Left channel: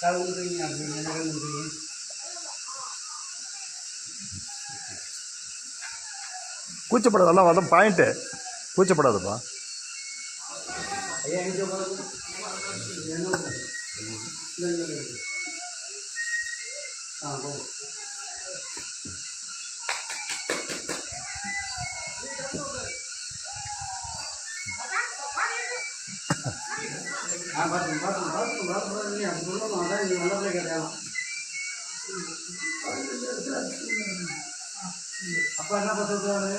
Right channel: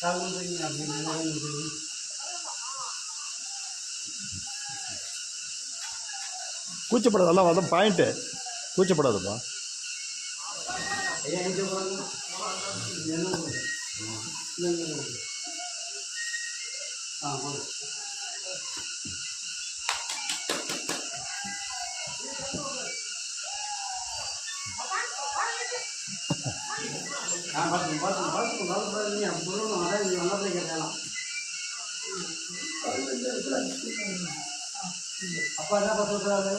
கால் கொடுத்துருங்க அப்படி கூச்சப்படாது எல்லாம் அதான் பாயிண்ட்டு கூச்சப்படாதுப்பா. ஐயா போதும் ஆ பார்த்து பார்த்து பார்த்து பார்த்து நீ அப்படி சொல்லணும் அதான் நீ நல்ல கேட்கலாம் அப்பா என்ன பார்த்து சொல்கிறாரு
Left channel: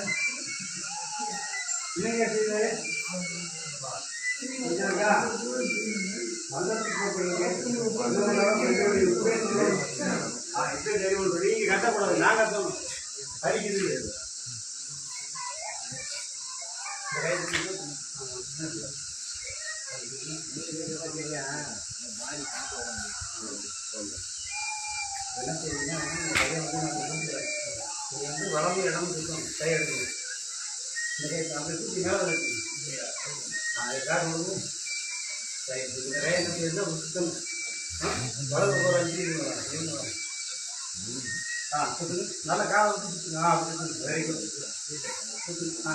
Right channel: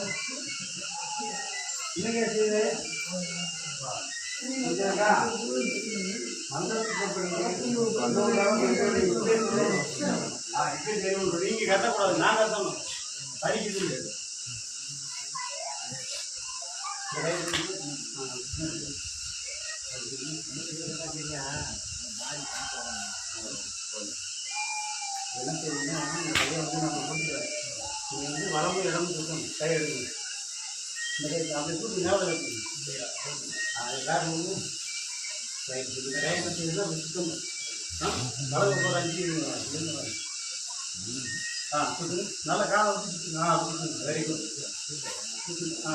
என்னங்க செய்யுது இதற்கா கட்டக்கூடாது. நான் கட்டணும். படிக்குது இந்த கையை நான் இது வந்து வளர்ந்து இடம் இருக்கணும் கை இந்த அப்படி தூக்கி மேலே வைக்கணும் அது காரணம் வந்து சுத்தம் வலது ஒரு அஞ்சு ஆ சுற்றுங்க நல்லா காலை சுற்றுங்க ஆ சுற்றுங்க வெரி குட் சுற்றுங்க ஆ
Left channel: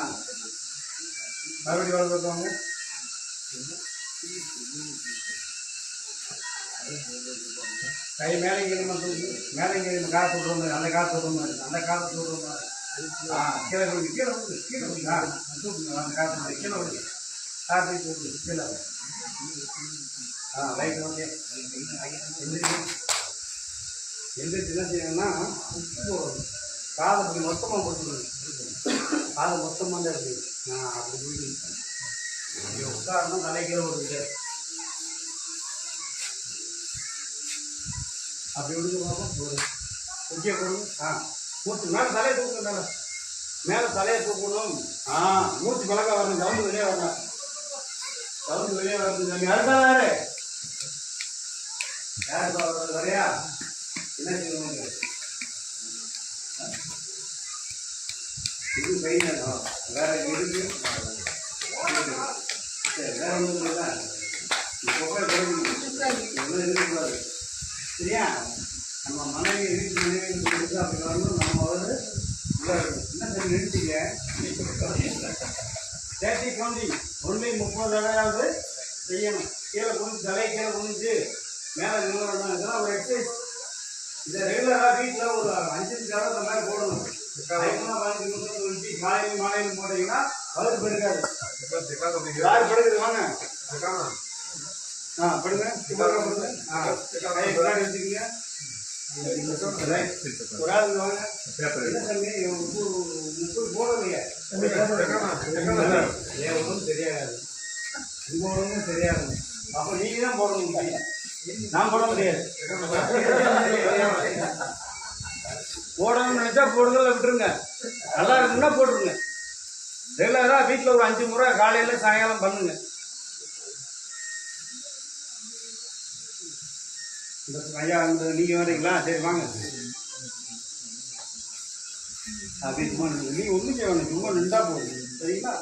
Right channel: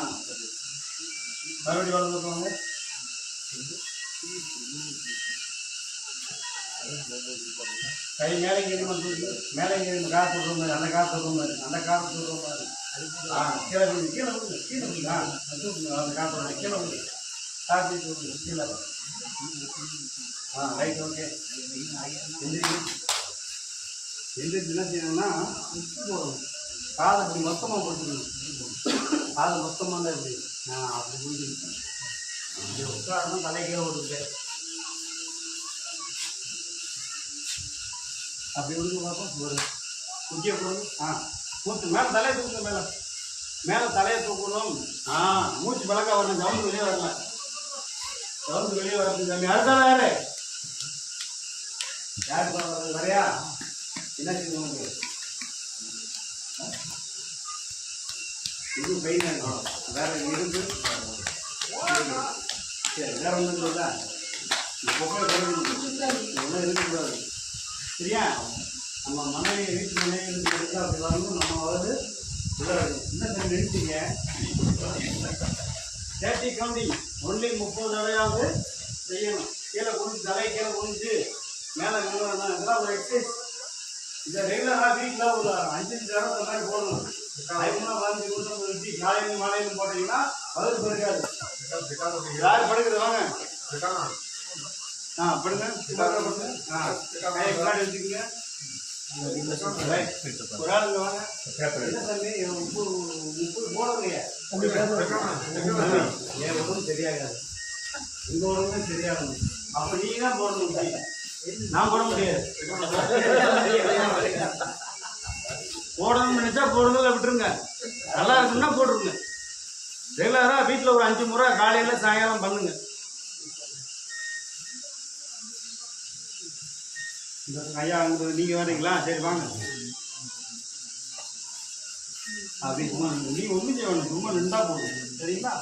மறுபடியும் வலது கை மேலே இங்கே மட்டும் மேலே இங்கே காசு சொல்கிற அந்த காசு விடுற மாதிரி அந்த காசு விடுற மாதிரி ஆ கீழே விடுங்க கீழே விடுங்க கீழே விடுங்க அந்த காசு விடுங்க கீழே விடுங்க காப்பி சொல்லுங்க கீழே ஆ ரைட் ஓகே எந்திரிங்க எந்திரிச்சு என்ன செய்யணும்னா உப்பு போடணும் காதை அப்படி மொத்தமாக போட்டுக்கணும். காதை மொத்தமாக தான் இருக்குது ஆ அப்படி போயிட்டு இங்கே உட்காரணும் தலைக்கே ஓடுது அப்படி விடுங்க பார்ப்போம் ஒரு குச்சியை கொடுங்க. ஆ மூச்சு மேலே தலையை தூக்குங்க மேலே. மேலே தலையை தூக்கணும். ஆ மூச்சு பழக்க வரணும் சவுண்டு வெளியே வரல சவுண்டு வெளியே வரணும் சாமி. அடுத்தால யாரு யாரு தான் வரையா? என்ன செய்யணும் இது கை வேற இருக்கு. சரி வேறு ஒன்றும் இல்லை. புகை ஒன்றும் இருக்கக்கூடாது சரியா? நம்ம மனைவி வீட்டு மனைவி அப்படி வரணும் நம்ம வந்து உள்ள என்ன சொல்லி நிறுத்திங்க தேர்ட்டி டுவெண்ட்டி. ஒன்லி முப்பது தடவையாவது செய்யணும். கீழே குனிஞ்சு தலை கீழே குனிஞ்சு மேலே நிலவரம் இதெல்லாம் ஒரு எக்ஸசைஸ் இதை ரெகுலராக வீட்டில் ஒரு அஞ்சு தடவை அந்த மாதிரி போடணும். அதிகமாக பதினஞ்சு நிமிஷம் கழிச்சு காலையிலும் மாலையிலும் போட்டீங்கன்னா வலது பெருக்காது யார் படுக்குது? வாங்க. ஆ படுங்க. படுங்க ஆ கையை பின்னாடி வச்சுக்கோங்க. ஒரு ஆள் வாங்க. என்ன தம்பி? முப்பது முப்பது போடலையே. ஒன்றும் தெரியாது. உங்க ஒன்றும் தெரியாது. அப்போ நீங்க தான் போடணும். நான் போட முடியாது. போடணும்னு நினச்சா போடுறதில்ல விட்டுருங்க. நல்லா இருக்குன்னா போட்டுருங்க. ரெகுலராக வீட்டில் ஒரு அஞ்சு முறை காலையில் சாயங்காலம் பண்ணுங்க. இந்த ஐயா இந்த நீங்கள் வரீங்களா சரி வாங்க. அப்படி சும்மா நீ ஒன்றும் செய்யணும் சும்மா நின்றா போதும். சரிங்களா?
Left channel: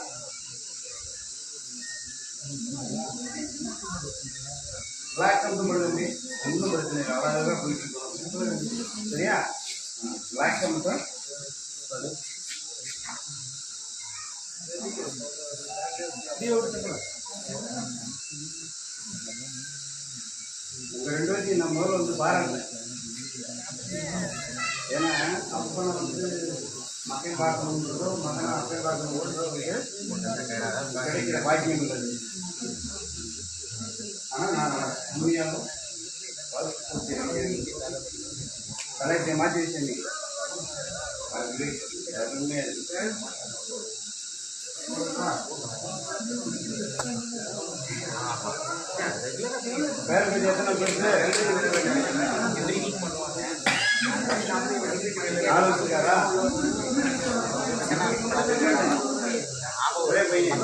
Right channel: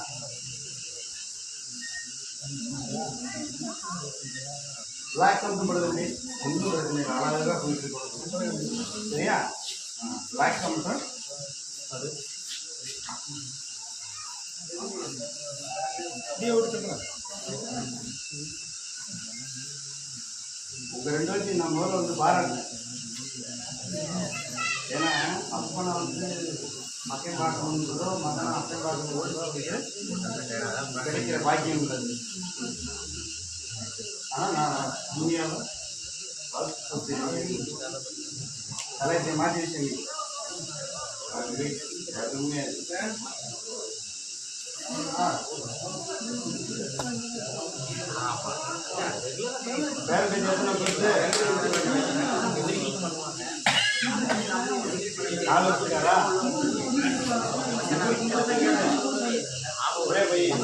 ரிலாக்ஸ் மட்டும் ஒன்றும் பிரச்சனை இல்லை. அழகாக போயிட்டு இருக்கணும் சரியா? ரிலாக்ஸ் மட்டும் அது நீ ஓடிச்சுக்கலாம் உங்க ரெண்டு பேர்த்தையும் நான் முதல்ல வந்து பாராட்டினேன் ஏன்னா அப்பனை வந்து மக்கள் பார்க்கணுன்றதோ மகன் மக்கள் பார்க்கணுன்றதோ கிடைக்கிற பாக்கியம் உள்ளது ஆனால் நான் உண்மையாக தலையத்தை மாற்றி வச்சேன் பண்ணுவாங்க அது உண்மையாது வேற எத்தனை நாலு வச்சுருக்காரா ஒரே பையன்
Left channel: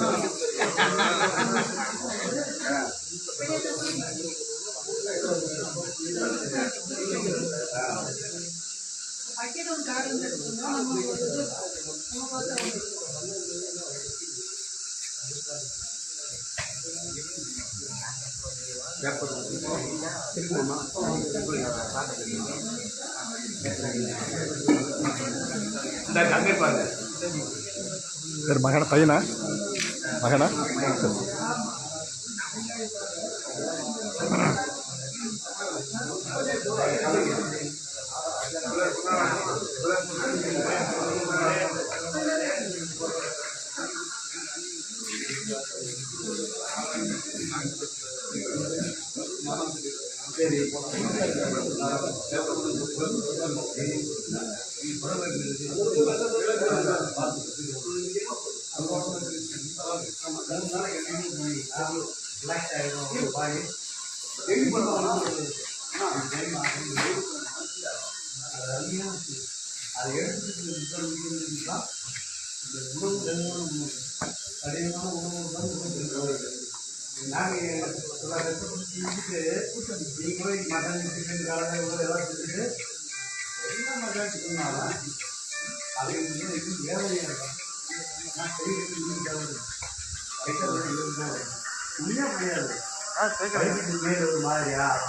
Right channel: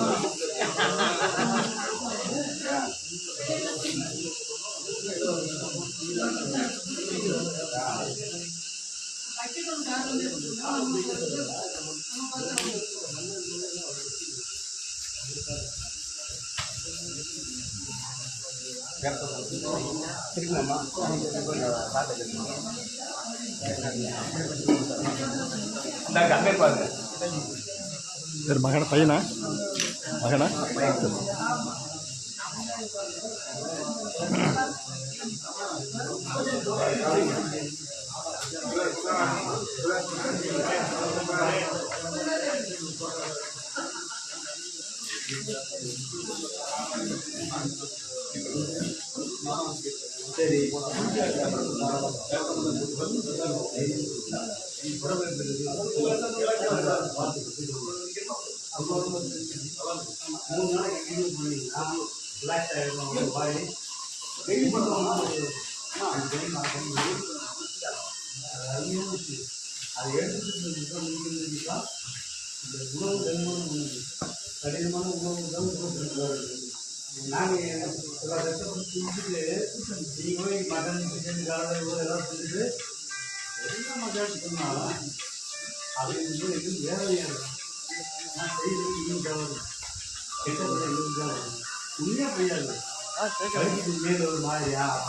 திருப்பலாமா அங்கே மகனா பையனா? மகனா? சரி சரி மூணு நாளைக்கு கண்டினியூ பண்ணி ரிலாக்ஸ் ஆகிடும் பாடி டெய்லி பண்ணோம்னா ஒரு அதை எடுத்துக்கிட்டு இந்த உணவு கனிமான உணவு கடினமான உணவு உணவு நாங்கள் சில கஷ்டப்பட்டு செஞ்சுட்டு நீங்கள் போய் மட்டன் சிக்கன் காலை எல்லாம் செஞ்சுட்டு என்ன மட்டன் சொன்னாலும் அது இது வேலையாக இருக்கும் நான் செய்கிறது இன்னும் தேவை கெட்டது இன்னும் தேவை உண்மையாக முடியாது ஆ மேலே ஒரு மாதிரியா